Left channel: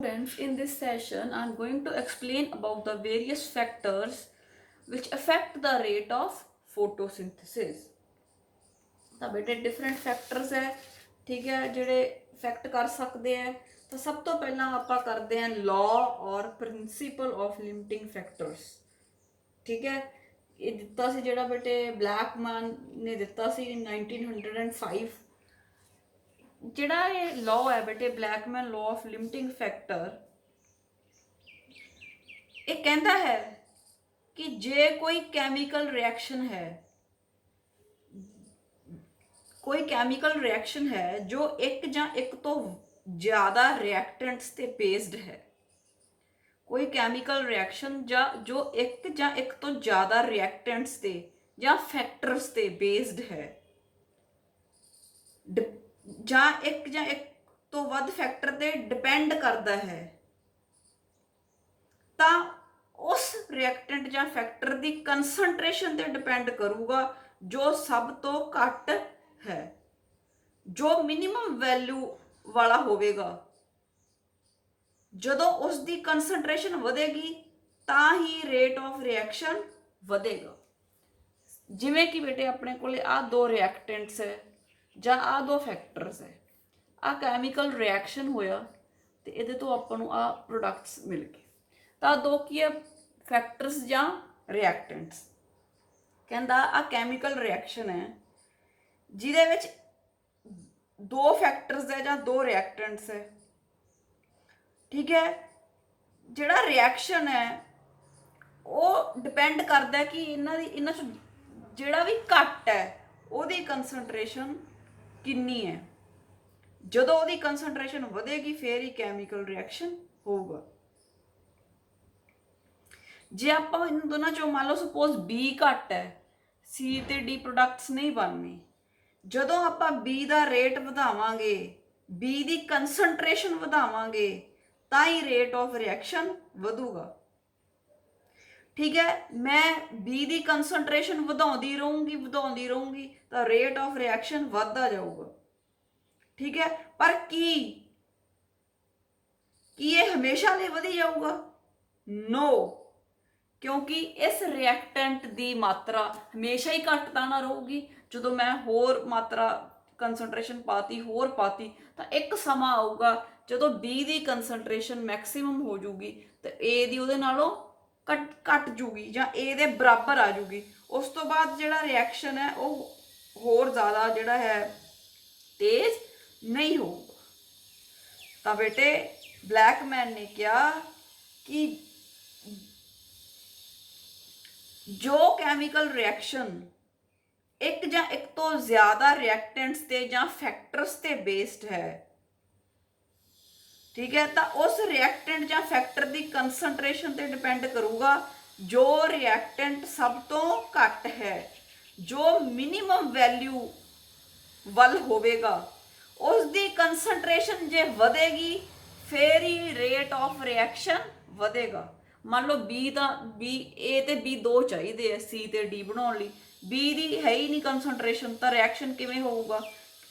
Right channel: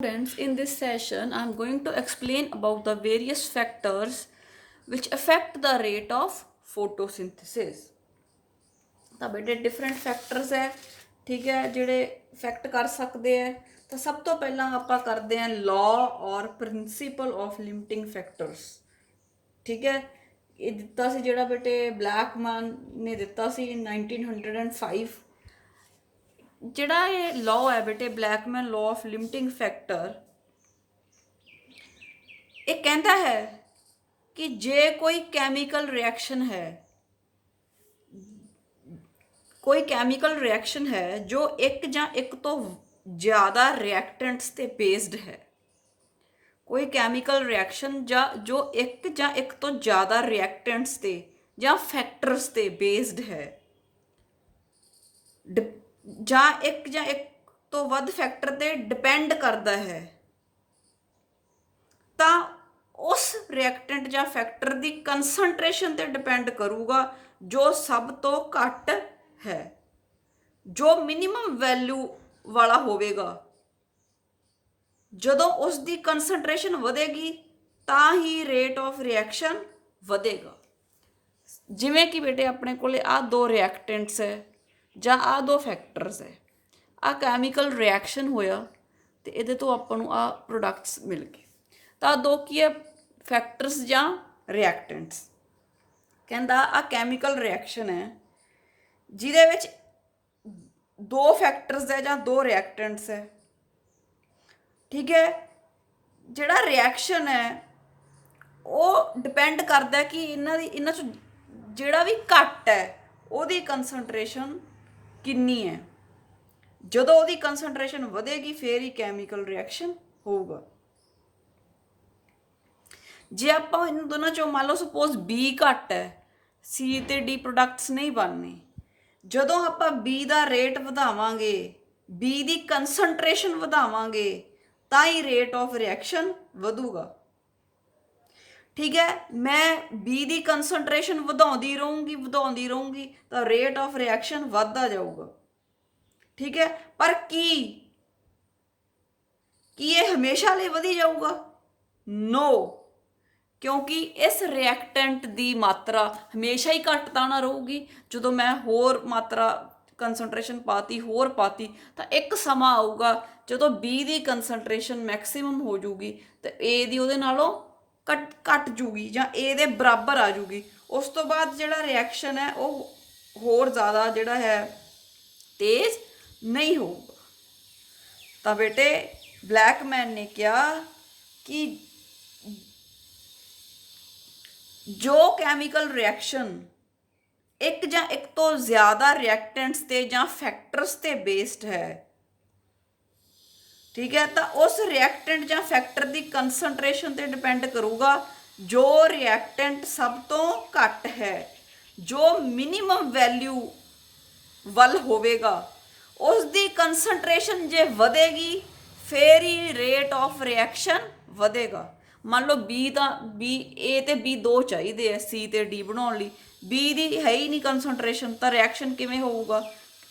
Students, in this session, I am going to explain about the various factors which affect the rate of photosynthesis. ਤਾਂ ਬੇਟੇ different factors ਹੈ, ਠੀਕ ਹੈ, ਜਿਹੜੇ effect ਕਰ ਸਕਦੇ ਹੈ। ਤਾਂ ਸਭ ਤੋਂ ਪਹਿਲਾਂ ਆਪਾਂ ਕਰਦੇ ਹਾਂ ਲਾਅ ਔਰ ਪ੍ਰਿੰਸੀਪਲ ਆਫ ਲਿਮਿਟਿੰਗ ਫੈਕਟਰਸ। ਠੀਕ ਹੈ, ਇਹ ਦਿੱਤਾ ਸੀ ਜਿਹੜਾ ਬੇਟੇ ਬਲੈਕਮੈਨ ਨੇ ਦਿੱਤਾ ਸੀ 1905। ਜਿਹੜਾ ਇਹ ਲਾਅ ਹੈ ਬੇਟੇ ਬਲੈਕਮੈਨ ਲਾਅ ਆਫ ਲਿਮਿਟਿੰਗ ਫੈਕਟਰ, ਇਹ ਕਹਿੰਦਾ ਹੈ ਕਿ ਜੇ ਕੋਈ ਕੈਮੀਕਲ ਰਿਐਕਸ਼ਨ ਹੈ, ਕੋਈ ਕੈਮੀਕਲ ਰਿਐਕਸ਼ਨ ਹੈ ਜੋ ਇੱਕ ਜਾਂ ਇੱਕ ਤੋਂ ਜ਼ਿਆਦਾ ਰਿਐਕਟੈਂਟਸ ਤੇ ਬੇਸਡ ਹੈ, ਕੋਈ ਕੈਮੀਕਲ ਰਿਐਕਸ਼ਨ ਜਾਂ ਜੋ ਇੱਕ ਜਾਂ ਇੱਕ ਤੋਂ ਜ਼ਿਆਦਾ ਰਿਐਕਟੈਂਟਸ ਤੇ ਜਾਂ ਫੈਕਟਰਸ ਤੇ ਬੇਸਡ ਹੈ, ਜਾਂ ਇੱਕ ਤੋਂ ਵੱਧ ਫੈਕਟਰ ਤੇ ਡਿਪੈਂਡ ਕਰਦਾ ਹੈ, ਤਾਂ ਉਸ ਰਿਐਕਟੈਂਟ ਜਾਂ ਫੈਕਟਰ ਦੀ ਕੰਸੈਂਟ੍ਰੇਸ਼ਨ ਤੇ ਡਿਪੈਂਡ ਕਰੂਗਾ ਜੋ ਸਭ ਤੋਂ ਘੱਟ ਹੈ, ਜੋ ਮਿਨੀਮਮ ਵੈਲਿਊ ਵਾਲਾ ਹੋਵੇਗਾ। ਜਦੋਂ ਉਸ ਦੀ ਕੰਸੈਂਟ੍ਰੇਸ਼ਨ ਵਧੇਗੀ ਤਾਂ ਹੀ ਰੇਟ ਆਫ ਰਿਐਕਸ਼ਨ ਵਧੇਗਾ। ਜਿਵੇਂ ਕਿ ਬੇਟੇ ਆਪਣੇ ਕੋਲੇ ਆ ਦੋ ਰਿਐਕਟੈਂਟਸ ਹੈ ਜਾਂ ਆ ਦੋ ਫੈਕਟਰਸ ਹੈ, ਆ ਕੈਮੀਕਲ ਰਿਐਕਸ਼ਨ ਹੋਇਆ ਤੇ ਇਹਦੇ ਤੋਂ ਆਪਾਂ ਨੂੰ ਆ ਪ੍ਰੋਡਕਟਸ ਮਿਲ ਗਏ। ਤਾਂ ਦੋ ਕੀ ਹੈ, ਫੈਕਟਰਸ ਜਾਂ ਰਿਐਕਟੈਂਟਸ। ਕਹਿੰਦਾ ਆ ਕੈਮੀਕਲ ਰਿਐਕਸ਼ਨ ਹੈ ਜਿਹਦੇ ਵਿੱਚ ਦੋ ਫੈਕਟਰਸ ਹੈ ਜਾਂ ਦੋ ਰਿਐਕਟੈਂਟਸ ਹੈ। ਠੀਕ ਹੈ, ਜਿਹੜਾ ਰਿਐਕਸ਼ਨ ਹੈ ਉਹ ਡਿਪੈਂਡ ਕਰਦਾ ਕਿ ਇਹਨਾਂ 'ਚ ਜਿਹੜਾ ਵੀ ਘੱਟ ਹੈ ਉਹਦੀ ਕੰਸੈਂਟ੍ਰੇਸ਼ਨ ਕਿੰਨੀ ਹੈ। ਜਦੋਂ ਉਹਦੀ ਕੰਸੈਂਟ੍ਰੇਸ਼ਨ ਵਧੇਗੀ ਫਿਰ ਹੀ ਕੈਮੀਕਲ ਰਿਐਕਸ਼ਨ ਹੋਊਗਾ। ਜੇ ਆਪਾਂ ਇਹਨਾਂ ਦੋਨਾਂ ਚੋਂ ਮੰਨ ਲਓ ਸਪੋਜ਼ B ਘੱਟ ਹੈ, C ਤੇ D ਪ੍ਰੋਡਕਟਸ ਨਹੀਂ ਬਣਨੇ। ਜਦੋਂ ਆਪਾਂ B ਦਾ ਰੇਟ ਵਧਾਵਾਂਗੇ, B ਦੀ ਕੰਸੈਂਟ੍ਰੇਸ਼ਨ ਵਧਾਵਾਂਗੇ ਤਾਂ ਹੀ ਰੇਟ ਆਫ ਰਿਐਕਸ਼ਨ ਵਧੂਗਾ। ਠੀਕ ਹੈ, ਮੈਂ B ਦੀ ਕੰਸੈਂਟ੍ਰੇਸ਼ਨ ਵਧਾਉਂਦੀ ਰਹੂੰਗੀ ਤਾਂ ਰੇਟ ਆਫ ਰਿਐਕਸ਼ਨ ਵੱਧਦਾ ਜਾਊਗਾ। ਠੀਕ ਹੈ, ਪਰ ਕੀ ਇਹ ਹਮੇਸ਼ਾ ਲਈ ਵਧੀ ਜਾਊਗਾ? ਨੋ, ਕਿਉਂਕਿ ਇਸ ਰਿਐਕਟੈਂਟ ਦੀ ਮਾਤਰਾ ਹਮੇਸ਼ਾ ਹੀ ਘੱਟ ਤਾਂ ਨਾ ਰਹੂਗੀ। ਜਦੋਂ ਮੈਂ ਹੋਰ ਮਾਤਰਾ ਕੰਸੈਂਟ੍ਰੇਸ਼ਨ ਪਾਤੀ ਤਾਂ ਇੱਕ ਸਮਾਂ ਆਊਗਾ ਜਦੋਂ B ਦੀ ਕੰਸੈਂਟ੍ਰੇਸ਼ਨ ਮੈਕਸਿਮਮ ਹੋ ਜੂਗੀ ਤੇ A ਦੀ ਉਹਦੇ ਨਾਲੋਂ ਘੱਟ ਜੂਗੀ ਜਾਂ A ਦੇ ਬਰਾਬਰ ਆ ਜੂਗੀ। ਉਸ ਤੋਂ ਬਾਅਦ ਜਿਹੜਾ ਰਿਐਕਸ਼ਨ ਹੈ ਉਹ ਹੋਰ ਜ਼ਿਆਦਾ ਜਿਹੜਾ ਹੈ ਤੇਜ਼ ਨਹੀਂ ਹੋਊਗਾ। ਤਾਂ ਬੇਟੇ ਬਲੈਕਮੈਨ ਨੇ ਕਿਹਾ ਕਿ ਜੋ ਕੈਮੀਕਲ ਰਿਐਕਸ਼ਨ ਇੱਕ ਜਾਂ ਇੱਕ ਤੋਂ ਜ਼ਿਆਦਾ ਰਿਐਕਟੈਂਟਸ ਤੇ ਜਾਂ ਫੈਕਟਰਸ ਤੇ ਬੇਸਡ ਹੈ, ਠੀਕ ਹੈ, ਤਾਂ ਉਸ ਰਿਐਕਟੈਂਟ ਜਾਂ ਫੈਕਟਰ ਦੀ ਕੰਸੈਂਟ੍ਰੇਸ਼ਨ ਤੇ ਡਿਪੈਂਡ ਕਰੂਗਾ ਜੋ ਰਿਐਕਟੈਂਟ ਸਭ ਤੋਂ ਘੱਟ ਹੈ, ਜੋ ਮਿਨੀਮਮ ਵੈਲਿਊ ਵੱਲ ਹੋਵੇਗਾ। ਉਸ ਦੀ ਕੰਸੈਂਟ੍ਰੇਸ਼ਨ ਜੇ ਵਧੇਗੀ ਫਿਰ ਹੀ ਰੇਟ ਆਫ ਰਿਐਕਸ਼ਨ ਵਧੇਗਾ। ਮੰਨ ਲਓ A ਤੇ B ਦੋ ਚਾਹੀਦੇ ਆ C ਤੇ D ਬਣਾਉਣ ਲਈ, B ਦੀ ਹੈ ਹੀ ਨਹੀਂ ਕੰਸੈਂਟ੍ਰੇਸ਼ਨ, ਤਾਂ ਰਿਐਕਸ਼ਨ ਕਿਵੇਂ ਹੋਊਗਾ?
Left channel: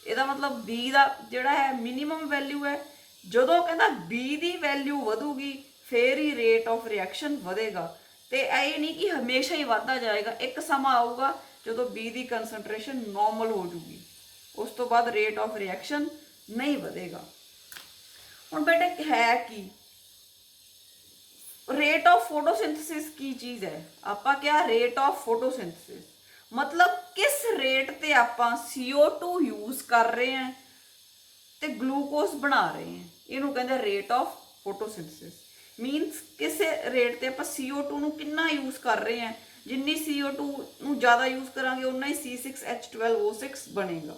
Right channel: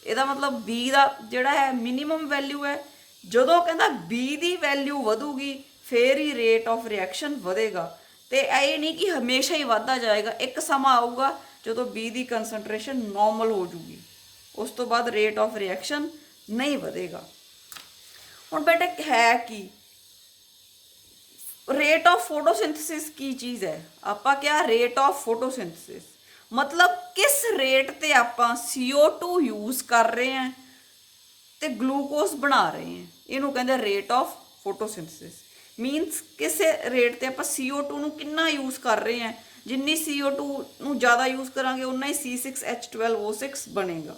ਇਹਦਾ ਮਤਲਬ B ਦਾ ਜਿਹੜਾ ਹੈ ਮਿਨੀਮਮ ਵੈਲਿਊ ਹੈ। ਜਦੋਂ ਕਹਿੰਦਾ B ਦੀ ਵੈਲਿਊ ਵਧੂਗੀ ਫਿਰ ਹੀ ਰੇਟ ਆਫ ਰਿਐਕਸ਼ਨ ਵਧੇਗਾ। ਤੇ ਇਹ ਨਹੀਂ ਕਿ ਹਮੇਸ਼ਾ ਹੀ ਵੱਧਦਾ ਜਾਏਗਾ, ਇੱਕ ਸਮਾਂ ਆਊਗਾ ਜਦੋਂ B ਦੀ ਕੰਸੈਂਟ੍ਰੇਸ਼ਨ ਨੋਰਮਲ ਹੋ ਜੂਗੀ, ਉਸ ਤੋਂ ਬਾਅਦ ਰੇਟ ਆਫ ਰਿਐਕਸ਼ਨ ਨਹੀਂ ਵਧੇਗਾ। ਹੁਣ ਬੇਟੇ ਹੈ ਕੀ ਰੇਟ ਆਫ ਫੋਟੋਸਿੰਥੇਸਿਸ? ਕੀ ਚੀਜ਼ ਹੈ? ਆਪਾਂ ਕਿਹਾ ਰੇਟ ਆਫ ਫੋਟੋਸਿੰਥੇਸਿਸ ਮਤਲਬ ਕਿਸ ਰੇਟ ਤੇ ਆਪਾਂ CO2 ਯੂਜ਼ ਕਰ ਰਹੇ ਹਾਂ ਤੇ ਗਲੂਕੋਜ਼ ਬਣਾ ਰਹੇ ਹਾਂ, ਇਹਨੂੰ ਕਹਿੰਦੇ ਰੇਟ ਆਫ ਫੋਟੋਸਿੰਥੇਸਿਸ। ਮੀਨਸ ਕਿਸੇ ਰੇਟ ਤੇ ਆਪਾਂ CO2 ਨੂੰ ਕਿੰਨਾ ਯੂਜ਼ ਕਰ ਰਹੇ ਹਾਂ, ਜਿੰਨੀ CO2 ਨੂੰ ਜ਼ਿਆਦਾ ਯੂਜ਼ ਕਰਾਂਗੇ ਉਨਾ ਹੀ C6H12O6 ਬਣੇਗਾ।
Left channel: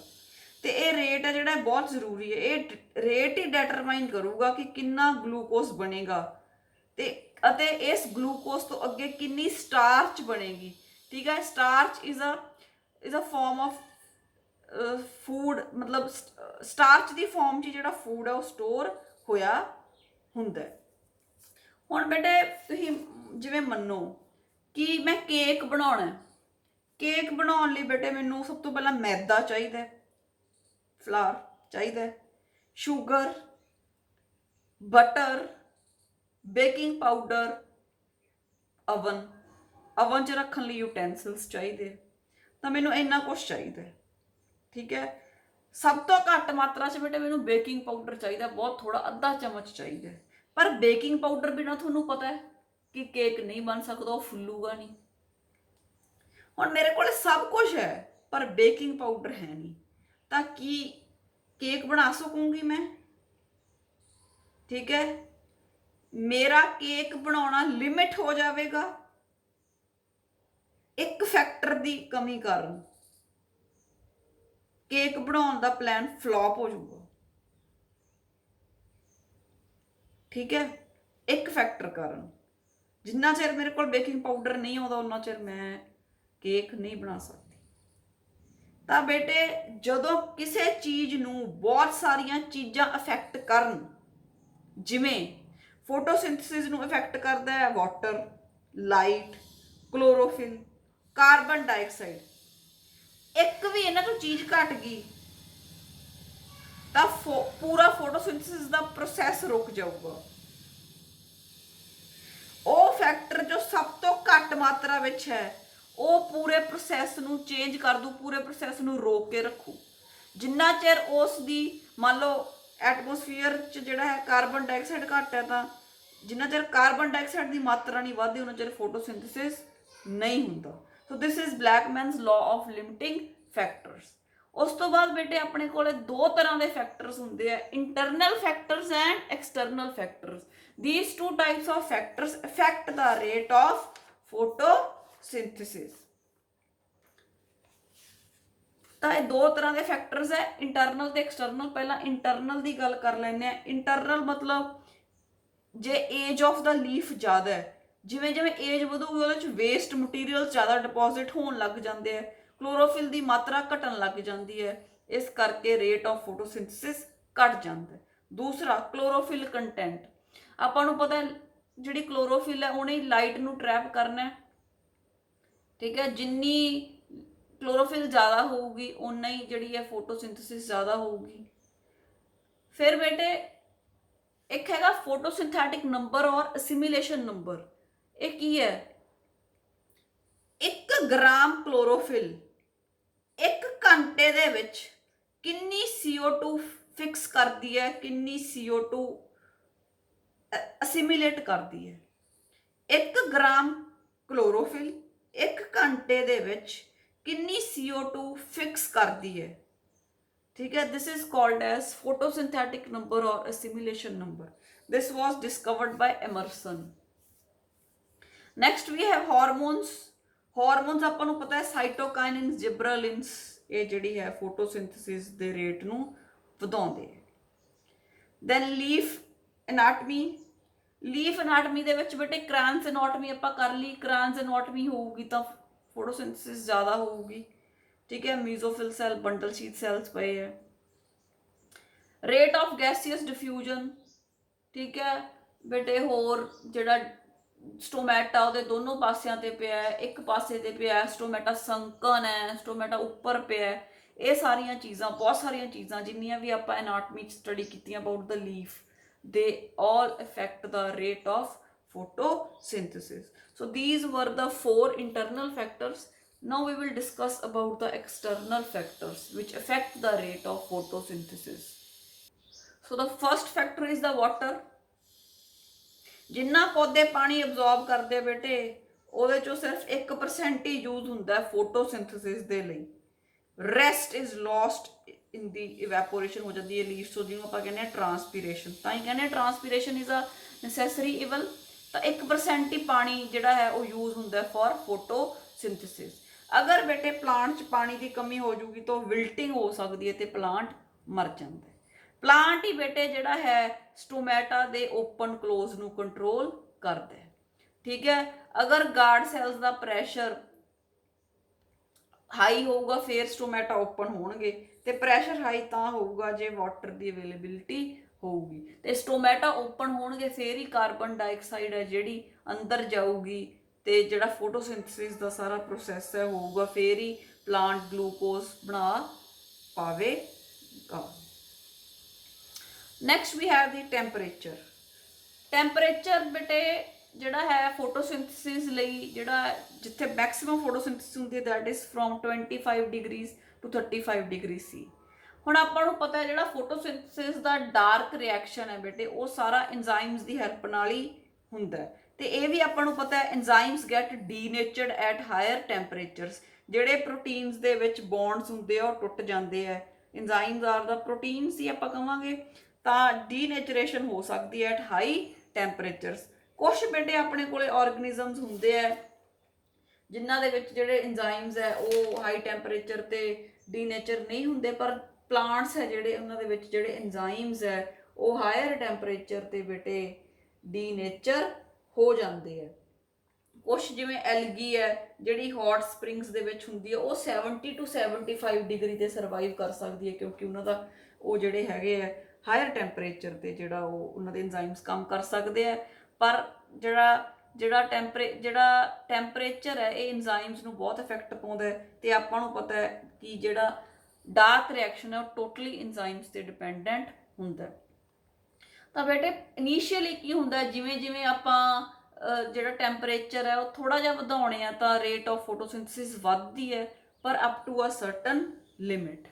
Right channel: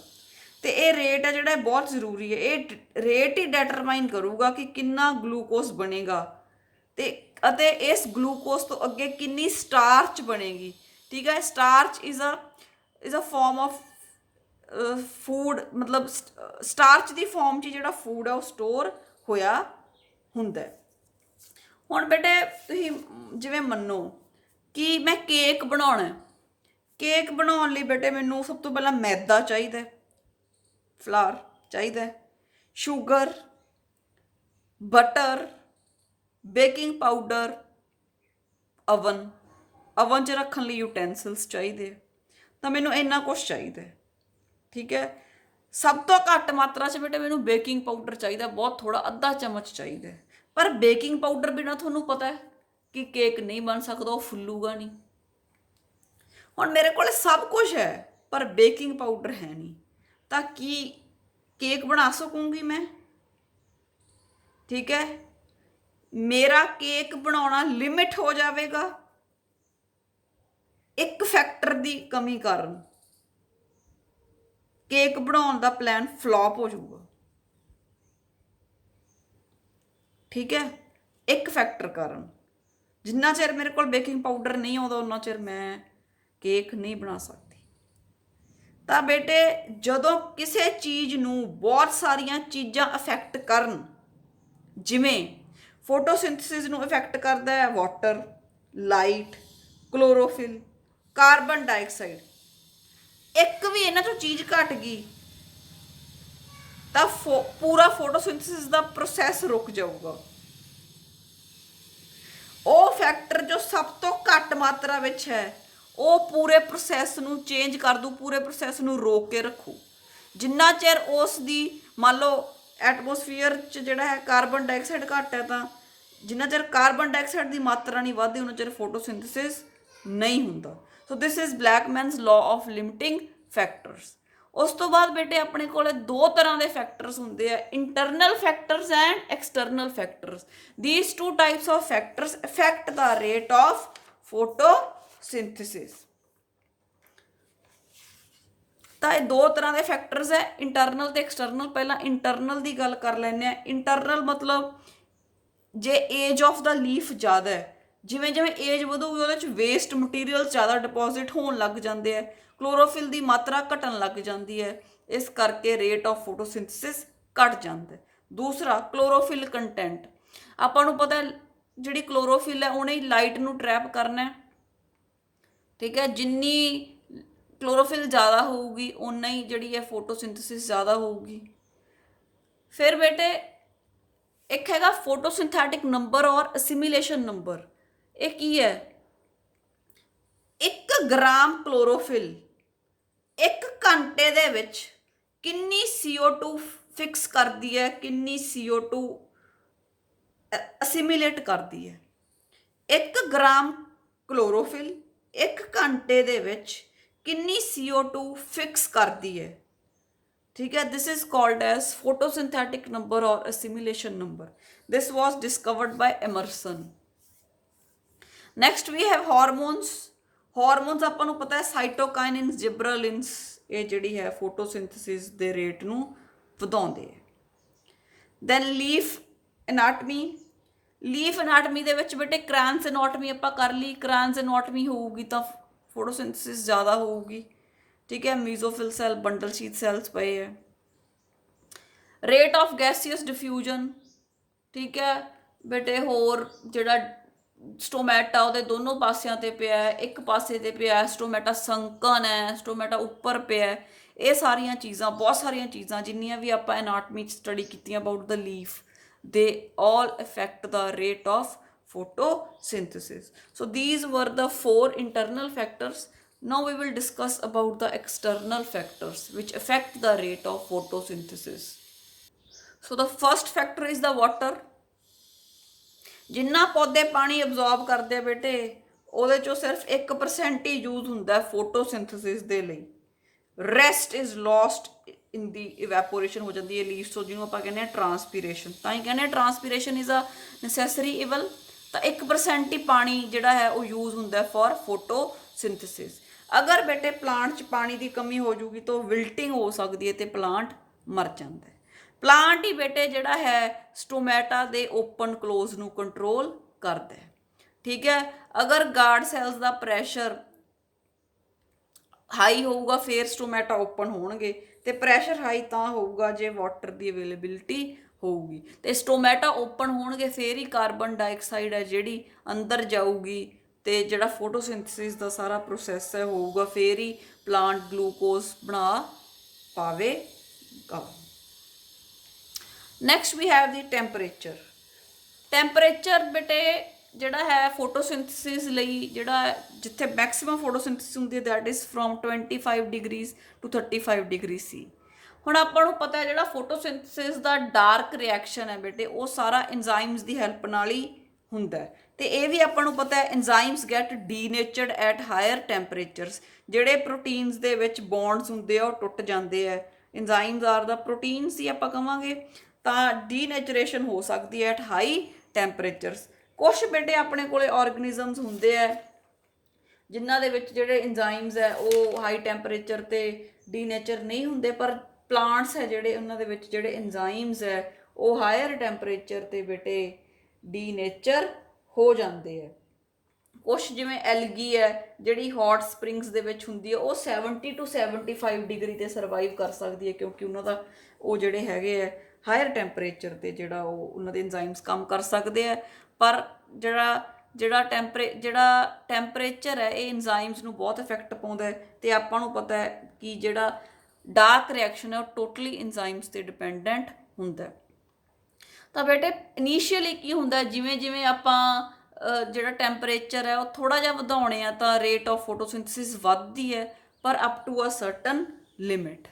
ਤੇ ਇਹ ਰੇਟ ਹੈ ਜਿਹੜਾ ਬਹੁਤ ਜ਼ਰੂਰੀ ਹੈ, ਇਹ ਰੇਟ ਹੀ ਡਿਟਰਮਾਈਨ ਕਰੂਗਾ ਕਿ ਕਿੰਨਾ ਗਲੂਕੋਜ਼ ਬਣੇਗਾ ਅਤੇ ਇਸ ਗਲੂਕੋਜ਼ ਤੋਂ ਅੱਗੇ ਕਿੰਨੀ ਸਟਾਰਚ ਬਣੇਗੀ। ਠੀਕ ਹੈ, starch is a form of food, ਮਤਲਬ ਸਟਾਰਚ ਦੀ ਫਾਰਮ 'ਚ ਜਿਹੜਾ ਫੂਡ ਹੈ ਉਹ ਸਟੋਰ ਹੋਇਆ ਹੁੰਦਾ। ਹੁਣ ਬੇਟੇ ਤੁਸੀਂ ਜਿਵੇਂ ਮੰਨੋ ਕਿ ਮੈਂ ਕੇਕ ਬਣਾਉਣਾ, ਕੇਕ ਬਣਾਉਣ ਲਈ ਬੇਟੇ ਮੈਨੂੰ ਸਭ ਤੋਂ ਪਹਿਲਾਂ ਮੈਦਾ ਚਾਹੀਦਾ, ਫਲਾਰ ਚਾਹੀਦਾ, sugar, butter, baking powder, oven 'ਚ ਰੱਖਣ ਲਈ ਯੂਟੈਂਸਿਲਸ ਚਾਹੀਦੇ, ਤਾਂ ਮੈਨੂੰ ਇੰਨਾ ਕੁਛ ਚਾਹੀਦਾ। ਠੀਕ ਹੈ, ਸਭ ਤੋਂ ਘੱਟ ਮਾਤਰਾ 'ਚ ਬੇਟੇ ਮੈਨੂੰ ਬੇਕਿੰਗ ਪਾਊਡਰ ਚਾਹੀਦਾ, ਬਹੁਤ ਥੋੜਾ, ਅੱਧਾ ਚਮਚ ਚਾਹੀਦਾ। ਪਰ ਬੇਕਿੰਗ ਪਾਊਡਰ ਬਿਨਾਂ ਤੁਹਾਨੂੰ ਪਤਾ ਹੈ ਕਿ ਕੇਕ ਨਹੀਂ ਬਣ ਸਕਦਾ, ਉਹ ਫੁੱਲੂਗਾ ਨਹੀਂ। ਹੁਣ ਮੇਰੇ ਕੋਲ ਸਭ ਕੁਝ ਹੈ ਪਰ ਬੇਕਿੰਗ ਪਾਊਡਰ ਹੈ ਨਹੀਂ, ਤਾਂ ਕੀ ਕੇਕ ਬਣਾ ਸਕੂੰਗੀ ਮੈਂ? ਠੀਕ ਹੈ, ਮੇਰਾ ਕੇਕ ਬਣਾਉਣਾ ਲਿਮਿਟ ਹੋ ਜਾਵੇਗਾ ਇੱਕ ਫੈਕਟਰ ਦੀ ਕਮੀ ਕਾਰਨ। ਕੇਕ ਬਣਾਉਣ ਦਾ ਪਲਾਨ ਫਲॉप ਹੋ ਜਾਊਗਾ। ਠੀਕ ਹੈ, ਇੱਕ ਫੈਕਟਰ ਕਾਰਨ। ਜਿੰਨਾ ਚਿਰ ਮੇਰੇ ਕੋਲ ਬੇਕਿੰਗ ਪਾਊਡਰ ਨਹੀਂ ਆਉਂਦਾ ਉਹਨਾਂ ਚਿਰ ਮੈਂ ਕੇਕ ਨਹੀਂ ਬਣਾ ਸਕਦੀ। ਤਾਂ ਬੇਟੇ ਜਦੋਂ ਕਿਸੇ ਚੀਜ਼ ਨੂੰ ਬਹੁਤ ਸਾਰੀਆਂ ਚੀਜ਼ਾਂ ਅਫੈਕਟ ਕਰਨ, ਜਿਵੇਂ ਫੋਟੋਸਿੰਥਸਿਸ ਨੂੰ ਇਫੈਕਟ ਕਰਦਾ ਹੈ water, light, chlorophyll, carbon dioxide, ਇੱਕ ਵੀ ਇਹਨਾਂ ਚੋਂ ਚੀਜ਼ ਘਟ ਗਈ ਤਾਂ ਪੂਰਾ ਫੋਟੋਸਿੰਥਸਿਸ ਦਾ ਪ੍ਰੋਸੈਸ ਰੁਕ ਜਾਊਗਾ। ਉਹ ਫੈਕਟਰ ਜੋ ਸਭ ਤੋਂ ਘੱਟ ਮਾਤਰਾ ਵਿੱਚ ਹੈ ਉਹ ਪੂਰੇ ਪ੍ਰੋਸੈਸ ਨੂੰ ਚੇਂਜ ਕਰ ਦੂ, ਪੂਰੇ ਪ੍ਰੋਸੈਸ ਨੂੰ ਰੋਕ ਕੇ ਰੱਖੂ। ਜਿੰਨਾ ਚਿਰ ਉਸ ਦੀ ਮੰਨ ਲਓ ਐਟਮੋਸਫੀਅਰ 'ਚ ਜਿਹੜਾ ਹੈ ਕਾਰਬਨ ਡਾਈਆਕਸਾਈਡ ਘੱਟ ਹੈ, ਤਾਂ ਜਿੰਨਾ ਚਿਰ ਕਾਰਬਨ ਡਾਈਆਕਸਾਈਡ ਦੀ ਮਾਤਰਾ ਨਹੀਂ ਵੱਧਦੀ ਉਹਨਾਂ ਚਿਰ ਫੋਟੋਸਿੰਥਸਿਸ ਨਹੀਂ ਹੁੰਦਾ। So this is Blackman's law of limiting factors. ਉਸ ਤੋਂ ਬਾਅਦ ਬੇਟੇ ਆਪਣੇ ਕੋਲ ਦੋ ਤਰ੍ਹਾਂ ਦੇ ਫੈਕਟਰਸ ਹੁੰਦੇ ਆ, internal factors and external factors. these two types of factors affect the rate of photosynthesis। ਤਾਂ ਇਹ ਦੋ ਤਰ੍ਹਾਂ ਦੇ ਫੈਕਟਰਸ ਹੈ, ਇੰਟਰਨਲ ਤੇ ਐਕਸਟਰਨਲ। ਪਹਿਲਾਂ ਇੰਟਰਨਲ ਦੀ ਗੱਲ ਕਰ ਲੈਂਦੇ ਆ। ਇੰਟਰਨਲ ਮਤਲਬ ਜੇ ਏਜ ਆਫ ਦਾ ਲੀਫ ਜ਼ਿਆਦਾ ਹੈ, ਜਿਵੇਂ ਜਿਵੇਂ ਏਜ ਵਧੂਗੀ ਉਹਦੇ 'ਚ ਵੇਸਟ ਮਟੀਰੀਅਲ ਜ਼ਿਆਦਾ ਡਿਪੋਜ਼ਿਟ ਹੋਣ ਲੱਗ ਜਾਂਦੇ ਆ, ਕਲੋਰੋਫਿਲ ਦੀ ਮਾਤਰਾ ਘਟਣ ਲੱਗ ਜਾਂਦੀ ਹੈ, ਇਸ ਕਰਕੇ ਰੇਟ ਆਫ ਫੋਟੋਸਿੰਥਸਿਸ ਘਟ ਜਾਂਦਾ। ਦੂਸਰਾ ਕਲੋਰੋਫਿਲ ਕੰਟੈਂਟ। ਆਪਾਂ ਨੂੰ ਪਤਾ ਜਿਹੜੀ ਕਲੋਰੋਫਿਲ ਹੈ ਉਹਨੇ ਲਾਈਟ ਨੂੰ ਟਰੈਪ ਕਰਨਾ ਹੈ। ਠੀਕ ਹੈ, ਜਿੰਨੀ ਕਲੋਰੋਫਿਲ ਜ਼ਿਆਦਾ ਹੋਊਗੀ ਉਨਾ ਹੀ ਜਿਹੜੀ ਹੈ ਫੋਟੋਸਿੰਥਸਿਸ ਜ਼ਿਆਦਾ ਹੋਊਗੀ। ਫਿਰ ਬੇਟੇ ਇੱਕ ਹੈਗਾ ਫੋਟੋਸਿੰਥੈਟਿਕ ਨੰਬਰ ਔਰ ਅਸਿਮੀਲੇਸ਼ਨ ਨੰਬਰ। ਇਹ ਕੀ ਹੈ? 1 ਗ੍ਰਾਮ ਕਲੋਰੋਫਿਲ 1 ਘੰਟੇ ਦੇ ਵਿੱਚ ਕਿੰਨੀ CO2 ਫਿਕਸ ਕਰਦੀ ਹੈ, ਕਿੰਨੀ CO2 ਅਸਿਮੀਲੇਟ ਕਰਦੀ ਹੈ। 1 ਗ੍ਰਾਮ ਕਲੋਰੋਫਿਲ 1 ਘੰਟੇ ਦੇ ਵਿੱਚ ਕਿੰਨੀ CO2 ਫਿਕਸ ਕਰਦੀ ਹੈ। ठीक है, this is called as photosynthetic number or assimilation number. This was discovered by Emerson. Next we have hormones. Hormones ਆਪਾਂ ਨੂੰ ਪਤਾ ਹੈ ਸਾਈਟੋਕਾਈਨਿਨਸ, ਜਿਬਰਾਲਿਨਸ, ਇਹ ਜਿਹੜੀ ਹੈ ਫੋਟੋਸਿੰਥਸਿਸ ਦੇ ਰੇਟ ਨੂੰ ਵਧਾਉਂਦੇ ਹੈ। Then leaf anatomy. Leaf anatomy ਦੇ ਵਿੱਚ ਬੇਟੇ ਕ੍ਰਾਂਸ ਐਨਾਟਮੀ ਆਪਾਂ ਕਰ ਲਈ। ਕ੍ਰਾਂਸ ਐਨਾਟਮੀ ਹੋਊਗੀ ਤਾਂ ਫੋਟੋਸਿੰਥਸਿਸ ਜ਼ਿਆਦਾ ਹੋਊਗੀ। ठीक है, mesophyll cell, bundle sheath cells पे है। Rate of gaseous diffusion. ठीक है बेटे, होर जिहड़ा स्टोमैटा ਉਹਦੇ ਦੋਨੋਂ ਪਾਸਿਆਂ ਤੇ ਪਿਆ ਹੈ, ਇੱਕ ਪਾਸੇ ਤੇ ਪਿਆ ਹੈ, ਸਟੋਮੈਟਾ ਸੰਕਨ ਹੈ, ਸਟੋਮੈਟਾ ਉੱਪਰ ਪਿਆ ਹੈ। ਇਹ ਸਾਰੀਆਂ ਚੀਜ਼ਾਂ, ਬਹੁਤ ਸਾਰੀਆਂ ਚੀਜ਼ਾਂ ਜਿੰਨੀਆਂ ਵੀ ਆਪਾਂ ਐਨਾਟਮੀ 'ਚ ਸਟੱਡੀ ਕੀਤੀਆਂ ਅਬਾਊਟ ਦ ਲੀਫ, ਦੇ all affect the rate of photosynthesis. So these were the 4 internal factors. Now we will discuss about the external factors which affect the rate of photosynthesis. So the first factor is the water. ਜਿੰਨਾ ਪੌਦੇ ਪਾਣੀ absorb ਕਰਦੇ ਬੇਟੇ ਉਹਦੇ ਚੋਂ ਸਿਰਫ 1% ਹੀ use ਹੁੰਦਾ ਫੋਟੋਸਿੰਥਸਿਸ ਦੇ ਲਈ। Rest is lost in the evaporation ਹੋ ਜਾਂਦੀ ਹੈ ਲੀਵਸ ਤੋਂ, ਜਿਹਨੂੰ ਆਪਾਂ ਕਹਿੰਦੇ ਹਾਂ ਟਰਾਂਸਪੀਰੇਸ਼ਨ। ਤਾਂ ਹੀ ਕਹਿੰਦੇ ਹਾਂ ਟਰਾਂਸਪੀਰੇਸ਼ਨ ਇਜ਼ ਅ ਨੈਸੈਸਰੀ ਇਵਲ। ਤਾਂ 1% ਹੀ ਪਾਣੀ ਜਿਹੜਾ ਹੈ ਉਹ ਯੂਜ਼ ਹੁੰਦਾ ਫॉर ਫੋਟੋਸਿੰਥਸਿਸ। ਅਗਰ ਬੇਟੇ ਪਲਾਂਟ 'ਚ ਪਾਣੀ ਦੀ ਕਮੀ ਹੋ ਜੂਗੀ ਤਾਂ ਵਿਲਟਿੰਗ ਹੋ ਸਕਦੀ ਹੈ ਤੇ ਪਲਾਂਟ ਮਰ ਜਾਂਦਾ ਹੈ। ਪਲਾਂਟ ਹੀ ਬੇਟੇ ਜਿਹੜਾ ਹੈ ਸਟੋਮੈਟਾ ਦੇ ਓਪਨ ਕਲੋਜ਼ ਨੂੰ ਕੰਟਰੋਲ ਕਰਦਾ ਹੈ। ਠੀਕ ਹੈ, ਅਗਰ ਗਾਰਡ ਸੈਲਸ ਦਾ ਪ੍ਰੈਸ਼ਰ ਹਾਈ ਹੋਊਗਾ ਫਿਰ ਸਟੋਮੈਟਾ ਓਪਨ ਹੋਣਗੇ, ਤੇ ਪ੍ਰੈਸ਼ਰ ਹਾਈ ਤਾਂ ਹੋਊਗਾ ਜੇ ਵਾਟਰ ਦੀ ਅਵੇਲੇਬਿਲਿਟੀ ਹੋਊਗੀ, ਤੇ ਸਟੋਮੈਟਾ ਓਪਨ ਹੋਣਗੇ ਫਿਰ ਹੀ ਕਾਰਬਨ ਡਾਈਆਕਸਾਈਡ ਹੈ ਜਿਹੜੀ ਅੰਦਰ ਜਾਊਗੀ ਤੇ ਜਿਹੜਾ ਫੋਟੋਸਿੰਥਸਿਸ ਦਾ ਸਾਰਾ ਪ੍ਰੋਸੈਸ ਹੈ ਹੋਊਗਾ, ਫਿਰ ਹੀ ਪਲਾਂਟ ਗਲੂਕੋਜ਼ ਬਣਾ ਪਾਵੇਗਾ। Next we have the temperature. Temperature ਬੇਟੇ ਜਿਹੜਾ ਹੈ ਫੋਟੋਸਿੰਥਸਿਸ ਲਈ ਜਿਹੜਾ ਜਿੱਥੇ ਮੈਕਸਿਮਮ ਫੋਟੋਸਿੰਥਸਿਸ ਹੁੰਦੀ ਹੈ that is from 25 degrees to 35 degree C. ਹੁਣ ਆਪਾਂ ਨੂੰ ਪਤਾ ਹੈ ਜਿਹੜਾ ਫੋਟੋਸਿੰਥਸਿਸ ਦਾ ਡਾਰਕ ਰਿਐਕਸ਼ਨ ਹੈ ਬੇਟੇ ਉਹ ਸਾਰਾ ਐਂਜ਼ਾਈਮਸ ਦੀ ਹੈਲਪ ਨਾਲ ਹੀ ਹੁੰਦਾ ਹੈ। ਤੇ ਇਹ ਵੀ ਆਪਾਂ ਨੂੰ ਪਤਾ ਹੈ enzymes get ਡੀਨੇਚਰਡ at hire temperatures. ਜਿਹੜੇ ਪ੍ਰੋਟੀਨਸ ਦੇ ਵਿੱਚ ਬੌਂਡਸ ਹੁੰਦੇ ਆ ਉਹ ਟੁੱਟ ਜਾਂਦੇ ਆ। ਐਂਜ਼ਾਈਮਸ ਆਰ ਦਾ ਪ੍ਰੋਟੀਨਸ ਹੀ ਆਪਾਂ ਕਵਾਂਗੇ, ਤਾਂ ਡੀਨੇਚਰੇਸ਼ਨ ਹੋ ਸਕਦੀ ਹੈ ਐਟ ਹਾਈ ਟੈਂਪਰੇਚਰਸ। ਕੁਛ ਬੇਟੇ ਆਪਣੇ ਕੋਲੇ ਆਰਗੇਨਿਜ਼ਮਸ ਹੁੰਦੇ ਆ ਜਿਨ੍ਹਾਂ ਦੇ ਵਿੱਚ ਜਿਹੜੇ ਐਂਜ਼ਾਈਮਸ ਹੈ ਉਹ ਹਾਈ ਟੈਂਪਰੇਚਰ ਤੇ ਡੀਨੇਚਰ ਨਹੀਂ ਹੁੰਦੇ, ਪਰ ਪਲਾਂਟਸ ਹੈ ਜਿਹੜੇ ਉਹਨਾਂ ਦੇ ਵਿੱਚ ਜਿਹੜੇ ਐਂਜ਼ਾਈਮਸ ਹੈ ਉਹ ਹਾਇਰ ਟੈਂਪਰੇਚਰ ਤੇ ਬੇਟੇ ਡੀਨੇਚਰ ਹੋ ਜਾਂਦੇ ਆ। ਕੁਛ ਜਿਵੇਂ ਐਲਗੀ ਹੈ ਜਿਹੜੀ ਹੌਟ ਸਪ੍ਰਿੰਗਸ ਦੇ ਵਿੱਚ ਹੁੰਦੀ ਹੈ ਉਹ 70 to 75 ਡਿਗਰੀ ਤੇ ਸਰਵਾਈਵ ਕਰ ਸਕਦੀ ਹੈ, ਕਿਉਂਕਿ ਉਹਨਾਂ ਦਾ ਉਹ ਜਿਹੜੇ ਹੈਗੇ ਆ ਹਾਇਰ ਟੈਂਪਰੇਚਰ ਤੇ ਜਿਹੜਾ ਉਹ ਉਹਨਾਂ ਦੇ ਐਂਜ਼ਾਈਮਸ ਕੰਮ ਕਰ ਸਕਦੇ ਆ। ਪਰ ਜਿਹੜਾ ਟੈਂਪਰੇਚਰ ਹੈ ਇਹ ਐਂਜ਼ਾਈਮਸ ਨੂੰ ਬਹੁਤ ਇਫੈਕਟ ਪਾਉਂਦਾ ਹੈ। ਤੇ ਆਪਾਂ ਨੂੰ ਪਤਾ ਹੈ ਕਿ ਜਿਹੜਾ ਡਾਰਕ ਰਿਐਕਸ਼ਨ ਹੈ ਉਹ ਟੋਟਲੀ ਐਂਜ਼ਾਈਮਸ ਤੇ ਡਿਪੈਂਡੈਂਟ ਹੁੰਦਾ। ਤਾਂ ਬੇਟੇ ਇਨੀਸ਼ੀਅਲੀ ਕੀ ਹੁੰਦਾ, ਜਿਵੇਂ ਜਿਵੇਂ ਆਪਾਂ ਜਿਹੜਾ ਟੈਂਪਰੇਚਰ ਹੈ ਉਹ ਥੋੜਾ ਜਿਹਾ ਵਧਾਉਣੇ ਆ ਤਾਂ ਰੇਟ ਆਫ ਫੋਟੋਸਿੰਥਸਿਸ ਵੱਧਦੀ ਹੈ, ਪਰ up to a certain limit.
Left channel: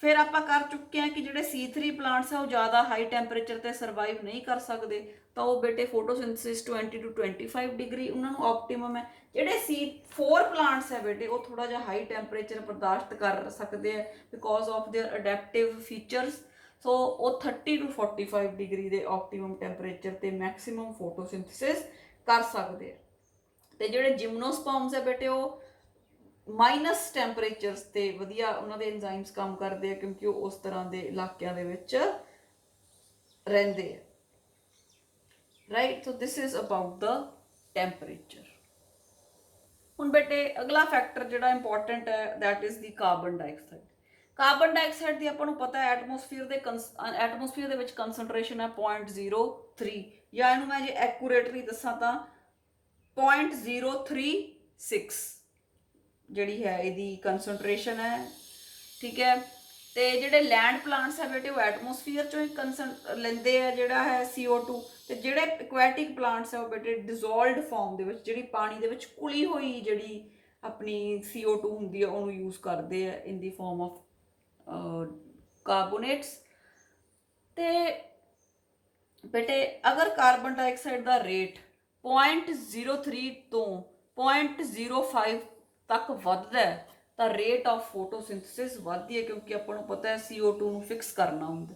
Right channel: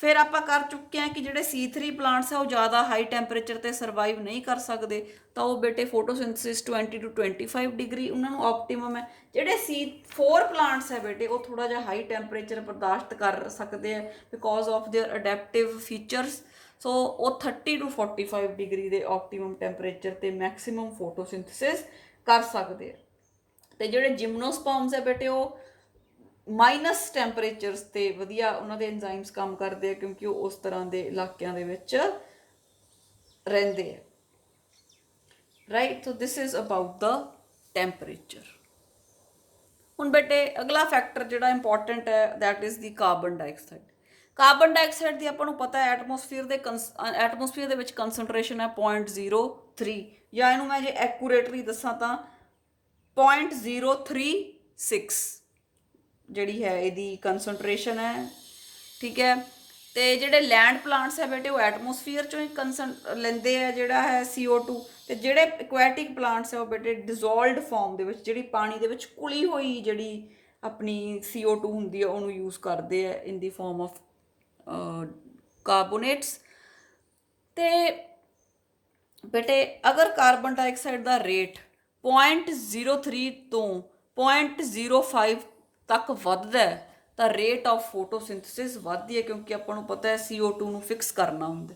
ਫਿਰ ਆਪਾਂ ਕਰ ਚੁੱਕੇ ਹਾਂ ਕਿ ਜਿਹੜੇ C3 ਪਲਾਂਟਸ ਆ ਉਹ ਜ਼ਿਆਦਾ ਹਾਈ ਟੈਂਪਰੇਚਰ ਤੇ ਸਰਵਾਈਵ ਨਹੀਂ ਕਰ ਸਕਦੇ, ਤਾਂ ਉਹ ਬੇਟੇ ਫੋਟੋਸਿੰਥਸਿਸ 20 to 25 ਡਿਗਰੀ ਉਹਨਾਂ ਨੂੰ ਆਪਟੀਮਮ ਹੈ। ਜਿਹੜੇ C4 ਪਲਾਂਟਸ ਹੈ ਬੇਟੇ ਉਹ ਥੋੜਾ ਜਿਹਾ ਹਾਈ ਟੈਂਪਰੇਚਰ ਬਰਦਾਸ਼ਤ ਕਰ ਸਕਦੇ ਆ ਬਿਕੋਜ਼ ਆਫ देयर ਅਡੈਪਟਿਵ ਫੀਚਰਸ। ਸੋ ਉਹ 30 to 45 ਡਿਗਰੀ ਦੇ ਆਪਟੀਮਮ ਟੈਂਪਰੇਚਰ ਤੇ ਮੈਕਸਿਮਮ ਫੋਟੋਸਿੰਥਸਿਸ ਕਰ ਸਕਦੇ ਆ। ਤੇ ਜਿਹੜੇ ਜਿਮਨੋਸਪਰਮਸ ਹੈ ਬੇਟੇ ਉਹ ਮਾਈਨਸ ਟੈਂਪਰੇਚਰਸ ਤੇ ਵਧੀਆ ਉਹਨਾਂ ਦੇ ਐਂਜ਼ਾਈਮਸ ਕੰਮ ਕਰਦੇ ਆ, ਕਿਉਂਕਿ ਉਹ ਉਸ ਤਰ੍ਹਾਂ ਦੇ ਇਲਾਕਿਆਂ ਦੇ ਵਿੱਚ ਰਹਿੰਦੇ ਆ। Right, so this is about the temperature. ਹੁਣ ਬੇਟੇ ਅਗਲਾ ਫੈਕਟਰ ਜਿਹੜਾ ਇੰਪੋਰਟੈਂਟ ਹੈ that is the carbon dioxide. Carbon dioxide ਦੀ ਆਪਾਂ ਨੂੰ ਪਤਾ ਹੈ ਐਟਮੋਸਫੀਅਰ ਦੇ ਵਿੱਚ ਕੰਸਨਟ੍ਰੇਸ਼ਨ ਹੈ 0.03, ਜਾਂ ਇਹਨੂੰ ਮੈਂ ਜੇ ਐਕੂਰੇਟਲੀ ਦੱਸਾਂ ਤਾਂ 0.036 ਜਿਹੜੀ ਹੈ ਇਹਦੀ ਕੰਸਨਟ੍ਰੇਸ਼ਨ ਹੈ। ਠੀਕ ਹੈ, ਤੇ ਜਿਹੜੇ ਲੈਂਡ ਪਲਾਂਟਸ ਹੈ ਬੇਟੇ ਉਹ ਐਟਮੋਸਫੀਅਰ ਚੋਂ ਹੀ ਲੈਂਦੇ ਆ ਜਿਹੜਾ ਹੈ CO2, ਤੇ ਜਿਹੜੇ ਐਕੁਐਟਿਕ ਪਲਾਂਟਸ ਹੈ ਉਹ ਬੇਟੇ ਡਿਜ਼ੋਲਵਡ ਫਾਰਮ ਦੇ ਵਿੱਚ ਜਿਹੜੀ ਪਾਣੀ ਦੇ ਵਿੱਚ ਘੁਲੀ ਹੋਈ ਜਿਹੜੀ ਆਪਣੀ CO2 ਹੁੰਦੀ ਹੈ ਉਹਨੂੰ ਯੂਜ਼ ਕਰਦੇ ਆ ਇਨ ਦੀ ਫਾਰਮ ਆਫ ਕਾਰਬੋਨੇਟਸ। ਤੇ ਬੇਟੇ ਅਗਰ ਕਾਰਬਨ ਡਾਈਆਕਸਾਈਡ ਦਾ ਰੇਟ 0.03 ਤੋਂ 0.05 ਤੱਕ ਵੱਧਦਾ ਹੈ ਤਾਂ ਰੇਟ ਆਫ ਫੋਟੋਸਿੰਥਸਿਸ ਵੱਧਦੀ ਹੈ, ਕਿਉਂਕਿ ਆਪਾਂ ਨੂੰ ਪਤਾ ਹੈ CO2 ਨੂੰ ਫਿਕਸ ਕਰਨਾ ਹੁੰਦਾ।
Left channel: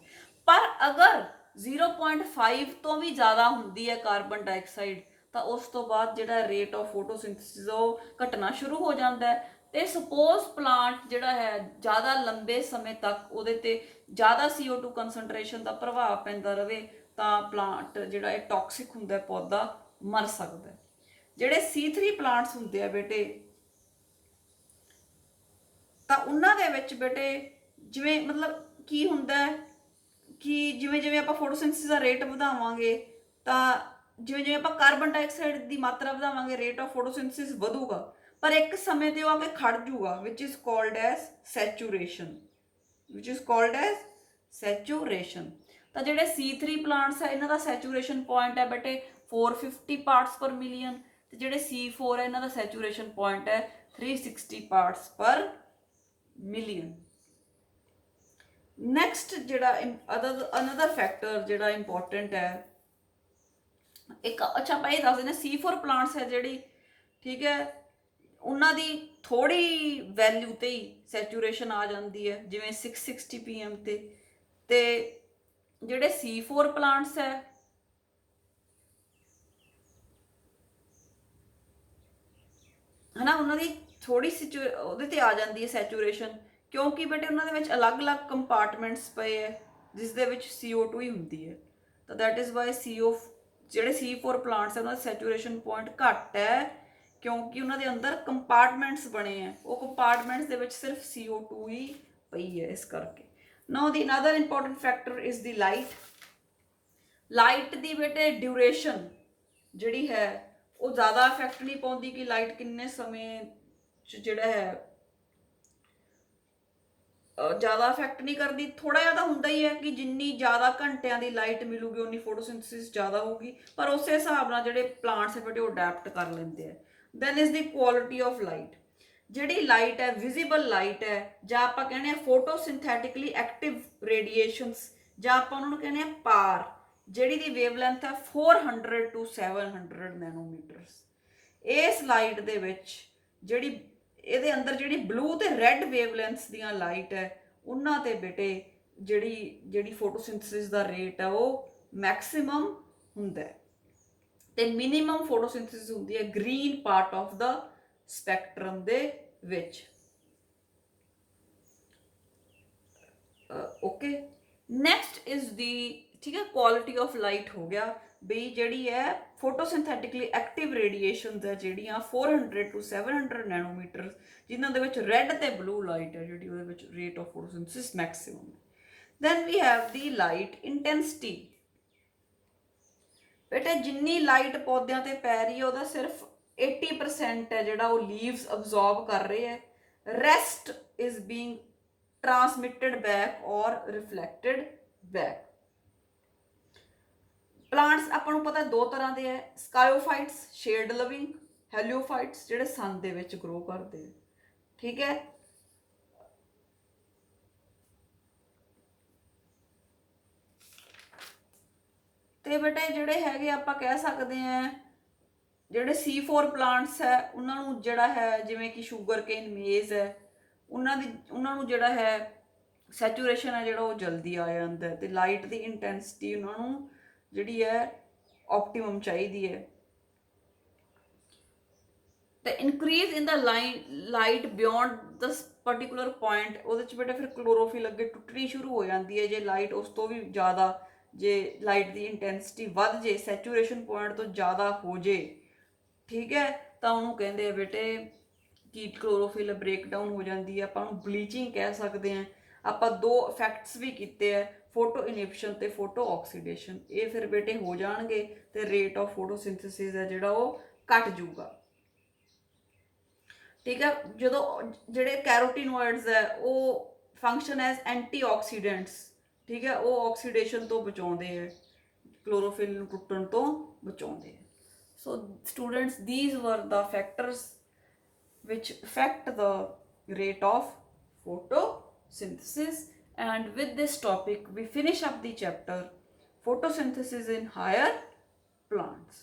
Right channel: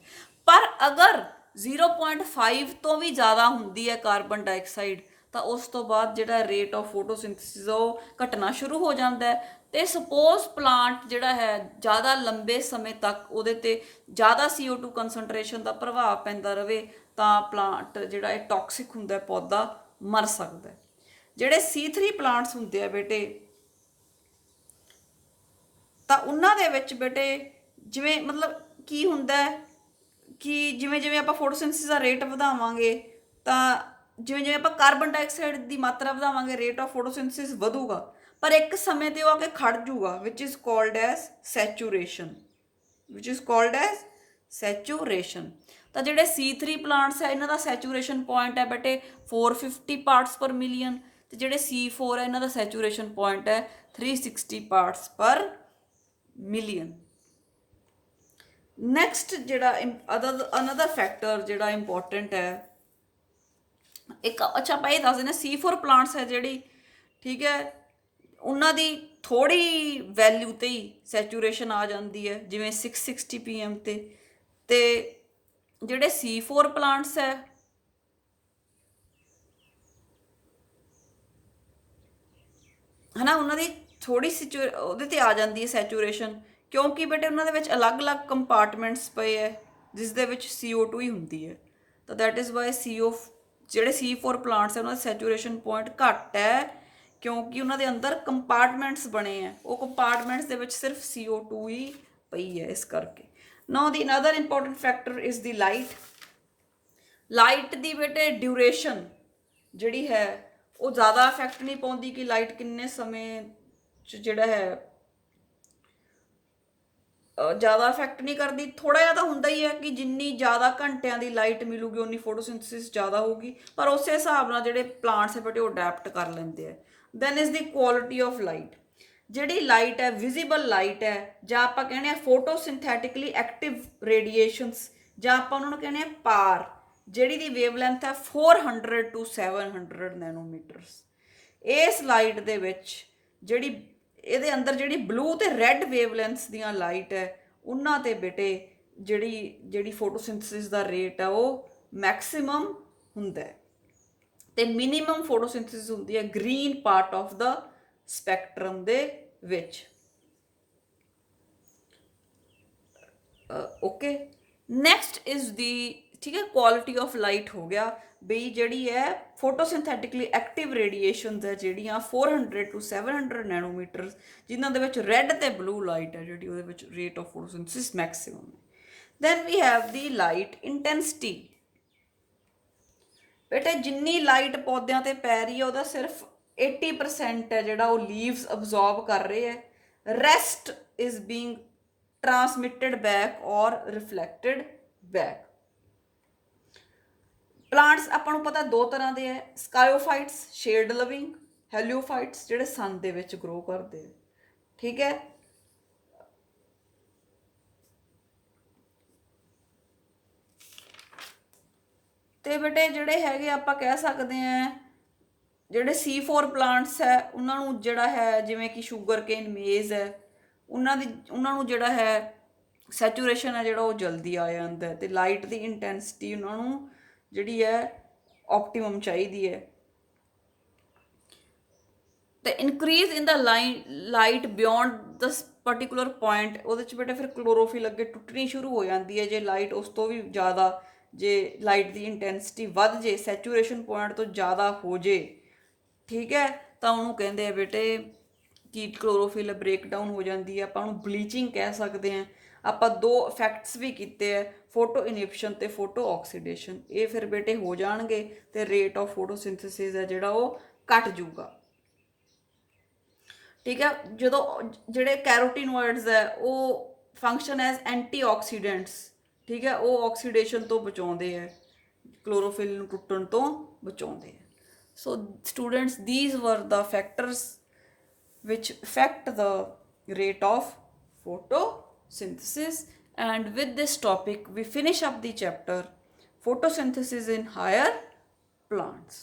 ਪਰ ਅਗਰ 0.5 ਤੋਂ ਵੀ ਜ਼ਿਆਦਾ ਹੁੰਦੀ ਹੈ ਕਾਰਬਨ ਡਾਈਆਕਸਾਈਡ ਤਾਂ ਉਸ ਤੋਂ ਬਾਅਦ ਜਿਹੜਾ ਰੇਟ ਆਫ ਫੋਟੋਸਿੰਥਸਿਸ ਉਹ ਘਟਣਾ ਸ਼ੁਰੂ ਹੋ ਜਾਂਦਾ ਹੈ। ਤੇ ਸਪੋਜ਼ ਪਲਾਂਟ ਜਿਹੜਾ ਹੈ ਜ਼ਿਆਦਾ ਲੰਬੇ ਸਮੇਂ ਤੱਕ ਉਹਦੇ ਤੇ ਜ਼ਿਆਦਾ CO2 ਕੰਸਨਟ੍ਰੇਸ਼ਨ ਦਾ ਪ੍ਰਭਾਵ ਪੈਂਦਾ ਰਵੇ ਤਾਂ ਪਲਾਂਟ ਜਿਹੜਾ ਇਹ ਟੌਕਸਿਕ ਹੁੰਦਾ, ਪੌਦਾ ਮਰ ਸਕਦਾ। ਜਿਹੜੇ C3 ਪਲਾਂਟਸ ਹੁੰਦੇ ਆ ਬੇਟੇ ਤਾਂ ਉਹਨਾਂ ਦੇ ਵਿੱਚ ਬੇਟੇ ਜਿਵੇਂ ਮਤਲਬ ਕੀ ਹੁੰਦਾ ਕਿ ਜਿਵੇਂ ਜਿਵੇਂ ਆਪਾਂ ਫੋਟੋਸਿੰਥਸਿਸ ਦਾ ਰੇਟ ਵਧਾਵਾਂਗੇ ਤਾਂ ਜਿਵੇਂ ਜਿਵੇਂ ਆਪਾਂ ਕਾਰਬਨ ਡਾਈਆਕਸਾਈਡ ਦੀ ਮਾਤਰਾ ਵਧਾਵਾਂਗੇ ਰੇਟ ਆਫ ਫੋਟੋਸਿੰਥਸਿਸ ਵਧੂਗਾ, ਪਰ ਇੱਕ ਸਮੇਂ ਤੇ ਉਹ ਆ ਕੇ ਖੜ ਜੂਗਾ ਵਿਚ ਇਜ਼ ਕਾਲਡ ਐਜ਼ ਸੈਚੂਰੇਸ਼ਨ। ਤਾਂ ਜਿਹੜੇ C3 ਪਲਾਂਟਸ ਹੈ ਇਹਨਾਂ ਦਾ ਸੈਚੂਰੇਸ਼ਨ ਪੁਆਇੰਟ ਹੈ ਬੇਟੇ 450 ਪਾਰਟਸ ਪਰ ਮਿਲੀਅਨ, ਤੇ ਜਿਹੜੇ C4 ਹੈ ਇਹਨਾਂ ਦਾ ਸੈਚੂਰੇਸ਼ਨ ਪੁਆਇੰਟ ਹੈ 360 ਪਾਰਟਸ ਪਰ ਮਿਲੀਅਨ। ਨੈਕਸਟ ਜਿਹੜਾ ਅਨਦਰ ਫੈਕਟਰ ਜਿਹੜਾ ਇੰਪੋਰਟੈਂਟ ਹੈ ਇੱਕ, ਅੱਛਾ ਆਪਾਂ ਇਹ ਦੱਸ ਦਿੰਦੇ C4 ਪਲਾਂਟਸ ਹੈ ਜਿਹੜੀ, ਠੀਕ ਹੈ, ਉਹਨਾਂ ਦੀ ਥੋੜੀ ਵੈਲਿਊ ਤੇ ਹੀ ਸੈਚੂਰੇਸ਼ਨ ਆ ਜਾਂਦੀ ਹੈ ਜਿਵੇਂ 660 PM ਤੇ ਜਿਹੜੇ C4 ਪਲਾਂਟਸ ਹੈ ਹਨਾ ਉਹਨਾਂ ਦੀ ਥੋੜੀ ਉਹਦੇ ਤੇ ਆ ਜਾਂਦੀ ਹੈ ਸੈਚੂਰੇਸ਼ਨ, ਕਿਉਂਕਿ ਬੇਟੇ ਉਹਨਾਂ ਦੇ ਵਿੱਚ ਅਲੱਗ-ਅਲੱਗ ਕੰਪਾਰਟਮੈਂਟਸ ਪਏ ਹੈ ਜਿਸ ਦੇ ਵਿੱਚ CO2 ਹੀ ਹੁੰਦੀ ਹੈ। ਤਾਂ ਦੈਟ ਇਜ਼ ਵਾਈ ਜਿਹੜੇ C4 ਪਲਾਂਟਸ ਹੈ ਉਹਨਾਂ ਦਾ ਸੈਚੂਰੇਸ਼ਨ ਪੁਆਇੰਟ ਘੱਟ ਹੈ, ਕਿਉਂਕਿ ਉਹਨਾਂ ਦੇ ਅੰਦਰ ਕੰਪਾਰਟਮੈਂਟਸ ਬਣੇ ਹੈ, ਉਹ ਕੰਪਾਰਟਮੈਂਟਸ ਦੇ ਵਿੱਚ ਸਿਰਫ CO2 ਹੀ ਪਈ ਹੈ ਇਸ ਕਰਕੇ। ਨਾਓ ਦੀ another important factor is the light ਦੀ ਬੇਟੇ ਡਿਊਰੇਸ਼ਨ ਜਿਹੜੀ ਹੈ ਉਹ ਜ਼ਿਆਦਾ ਇਫੈਕਟ ਨਹੀਂ ਪਾਉਂਦੀ ਕਿ ਲਾਈਟ ਕਿੰਨੇ ਸਮੇਂ 'ਚ ਜਿਹੜਾ ਹੈ ਜ਼ਿਆਦਾ ਇਫੈਕਟ ਨਹੀਂ ਕਰਦੀ। ਥੋੜਾ ਜਿਹਾ ਤਾਂ ਹੁੰਦਾ ਹੀ ਹੈ ਕਿ ਜਿੰਨੀ ਜ਼ਿਆਦਾ ਘੰਟਿਆਂ ਦੀ ਲਾਈਟ ਮਿਲੂਗੀ ਉਨੀ ਫੋਟੋਸਿੰਥੇਸਿਸ ਜ਼ਿਆਦਾ ਹੋਊਗੀ, ਪਰ ਉਸੇ ਹਿਸਾਬ ਨਾਲ ਜਿਹੜੇ ਪਲਾਂਟਸ ਹੈ ਬੇਟੇ ਉਹ ਅਡੈਪਟ ਕਰ ਲੈਂਦੇ ਆ। Then is the quality of light. ਜਿਹੜੀ ਲਾਈਟ ਹੈ ਵਿਜ਼ੀਬਲ ਲਾਈਟ ਹੈ, ਜਾਂ ਆਪਾਂ ਕਹਿੰਦੇ ਆ ਫੋਟੋਸਿੰਥੈਟਿਕਲੀ ਐਕਟਿਵ ਰੇਡੀਏਸ਼ਨਸ, ਜਾਂ ਆਪਾਂ ਉਹਨਾਂ ਨੂੰ ਕਹਿੰਦੇ ਆ ਪਾਰ, ਜਿਹੜੀ ਦੀ ਵੇਵਲੈਂਥ ਹੈ 400 to 700 ਨੈਨੋਮੀਟਰਸ। ਇਸ ਲਾਈਟ ਦੇ ਵਿੱਚ ਜਿਹੜੀ ਇਹਦੇ ਅੰਦਰ ਜਿਹੜੀ ਬਲੂ ਤੇ ਰੈੱਡ ਵੇਵਲੈਂਥਸ ਦੀਆਂ ਲਾਈਟ ਹੈ ਉਹਨਾਂ ਤੇ ਬੇਟੇ ਜਿਹੜੀ ਫੋਟੋਸਿੰਥੇਸਿਸ ਦਾ ਰੇਟ ਹੈ ਉਹ ਮੈਕਸਿਮਮ ਹੁੰਦਾ ਹੈ, ਤੇ ਮਿਨੀਮਮ ਫੋਟੋਸਿੰਥੇਸਿਸ ਹੁੰਦੀ ਹੈ green part of the spectrum ਦੇ ਵਿੱਚ। ਓਕੇ, ਨੈਕਸਟ ਇਜ਼ ਦੀ, ਠੀਕ ਹੈ, ਕੁਆਲਿਟੀ ਆਫ ਲਾਈਟ ਹੋ ਗਿਆ ਬਈ ਜਿਹੜੀ ਹੈ ਫੋਟੋਸਿੰਥੈਟਿਕਲੀ ਐਕਟਿਵ ਰੇਡੀਏਸ਼ਨਸ ਹੈ ਜਿਹੜੀਆਂ 400 to 700 ਨੈਨੋਮੀਟਰਸ, ਜਿਨ੍ਹਾਂ ਦੇ ਵਿੱਚ ਰੈੱਡ ਤੇ ਬਲੂ ਲਾਈਟ ਹੈ ਜਿਹੜੀ ਉਹਦੇ ਵਿੱਚ ਰੇਟ ਆਫ ਫੋਟੋਸਿੰਥੇਸਿਸ ਮੈਕਸਿਮਮ ਹੈ। Then we have the light intensity. ਬੇਟੇ ਜਿੰਨੀ ਲਾਈਟ ਪੌਦਿਆਂ ਤੇ ਪੈ ਰਹੀ ਹੈ ਉਹਦਾ ਸਿਰਫ 80% ਹੈ ਜਿਹੜਾ ਉਹ ਲੀਵਸ ਅਬਜ਼ੌਰਬ ਕਰ ਰਹੇ ਹੈ, ਰੈਸਟ ਇਜ਼ ਬੀਇੰਗ ਟਰਾਂਸਮਿਟਡ ਬੈਕ ਔਰ ਰਿਫਲੈਕਟਡ ਬੈਕ। ਪਲਾਂਟਸ ਆਪਾਂ ਨੂੰ ਪਤਾ ਦੋ ਤਰ੍ਹਾਂ ਦੇ ਹੈ, ਸਕਾਇਓਫਾਈਟਸ ਸ਼ੇਡ ਲਵਿੰਗ, ਹੈਲੀਓਫਾਈਟਸ ਜਿਹੜੇ ਸਨ ਦੇ ਵਿੱਚ ਗਰੋ ਕਰਦੇ ਹੈ, ਠੀਕ ਹੈ। ਤੇ ਬੇਟੇ ਜਿਹੜੇ ਹੈਗੇ ਆਪਾਂ ਕਹਿ ਸਕਦੇ ਹਾਂ ਜਿਹੜੇ C4 ਪਲਾਂਟਸ ਹੈ ਉਹਨਾਂ ਨੂੰ ਜਿਹੜਾ ਹੈ ਜਿਵੇਂ ਕਿ ਸ਼ੂਗਰ ਕੇਨ, ਮੇਜ਼ ਹੈ, ਉਹਨਾਂ ਨੂੰ ਜਿਹੜਾ ਹੈ ਸੈਚੂਰੇਸ਼ਨ ਹੈ ਜਿਹੜਾ ਉਹ ਜਲਦੀ ਆ ਜਾਂਦਾ, ਤੇ ਲਾਈਟ ਦੀ ਇੰਟੈਂਸਿਟੀ ਉਹਨਾਂ ਨੂੰ ਜਿਹੜੀ ਹੈ ਆਪਟੀਮਮ ਚਾਹੀਦੀ ਹੈ। ਤੇ ਇਨਕਰੀਜ਼ ਇਨ ਦਾ ਲਾਈਟ ਬਿਯੋਂਡ ਦ ਪਰਟੀਕੂਲਰ ਪੁਆਇੰਟ, ਉਹਦੇ 'ਚ ਬੇਟੇ ਫਿਰ ਕਲੋਰੋਫਿਲ ਅੱਗੇ ਟੁੱਟਣੀ ਸ਼ੁਰੂ ਹੋ ਜਾਂਦੀ ਹੈ ਜੇ ਲਾਈਟ ਉਸ ਤੋਂ ਵੀ ਜ਼ਿਆਦਾ, ਜੇ ਲਾਈਟ ਦੀ ਇੰਟੈਂਸਿਟੀ ਵੱਧ ਜੇ, ਸੈਚੂਰੇਸ਼ਨ ਪੁਆਇੰਟ ਤੋਂ ਜ਼ਿਆਦਾ ਹੋ ਜੇ, ਠੀਕ ਹੈ, ਤਾਂ ਉਹਨੂੰ ਕਹਿੰਦੇ ਆ ਬੇਟੇ ਕਿ ਕਲੋਰੋਫਿਲ ਬ੍ਰੇਕਡਾਊਨ ਹੋ ਜਾਂਦੀ ਹੈ, ਆਪਾਂ ਉਹਨੂੰ ਬਲੀਚਿੰਗ ਕਹਿ ਸਕਦੇ ਹਾਂ। ਆਪਾਂ ਦੋ ਇਫੈਕਟਸ ਵੀ ਕੀਤੇ ਹੈ, ਫੋਟੋ ਇਨਿਬਿਸ਼ਨ ਤੇ ਫੋਟੋ ਆਕਸੀਡੇਸ਼ਨ, ਇਹ ਫਿਰ ਬੇਟੇ ਹੋ ਜਾਣਗੇ ਤੇ ਰੇਟ ਆਫ ਫੋਟੋਸਿੰਥੇਸਿਸ ਹੈ ਜਿਹੜਾ ਉਹ ਘਟ ਜੂਗਾ, ਠੀਕ ਹੈ। ਜਦੋਂ ਜਿਹੜੇ ਕੈਰੋਟੀਨੋਇਡਸ ਹੈ ਉਹ ਫੰਕਸ਼ਨ ਐਜ਼ ਐਂਟੀਆਕਸੀਡੈਂਟਸ, ਠੀਕ ਹੈ, ਉਹ ਆਕਸੀਡੇਸ਼ਨ ਤੋਂ ਬਚਾਉਂਦੇ ਹੈ, ਕਲੋਰੋਫਿਲ ਨੂੰ ਟੁੱਟਣ ਤੋਂ ਬਚਾਉਂਦੇ ਹੈ। So students, these were the factors which affect the rate of photosynthesis, and with this topic we finish up the chapter photosynthesis in higher plants.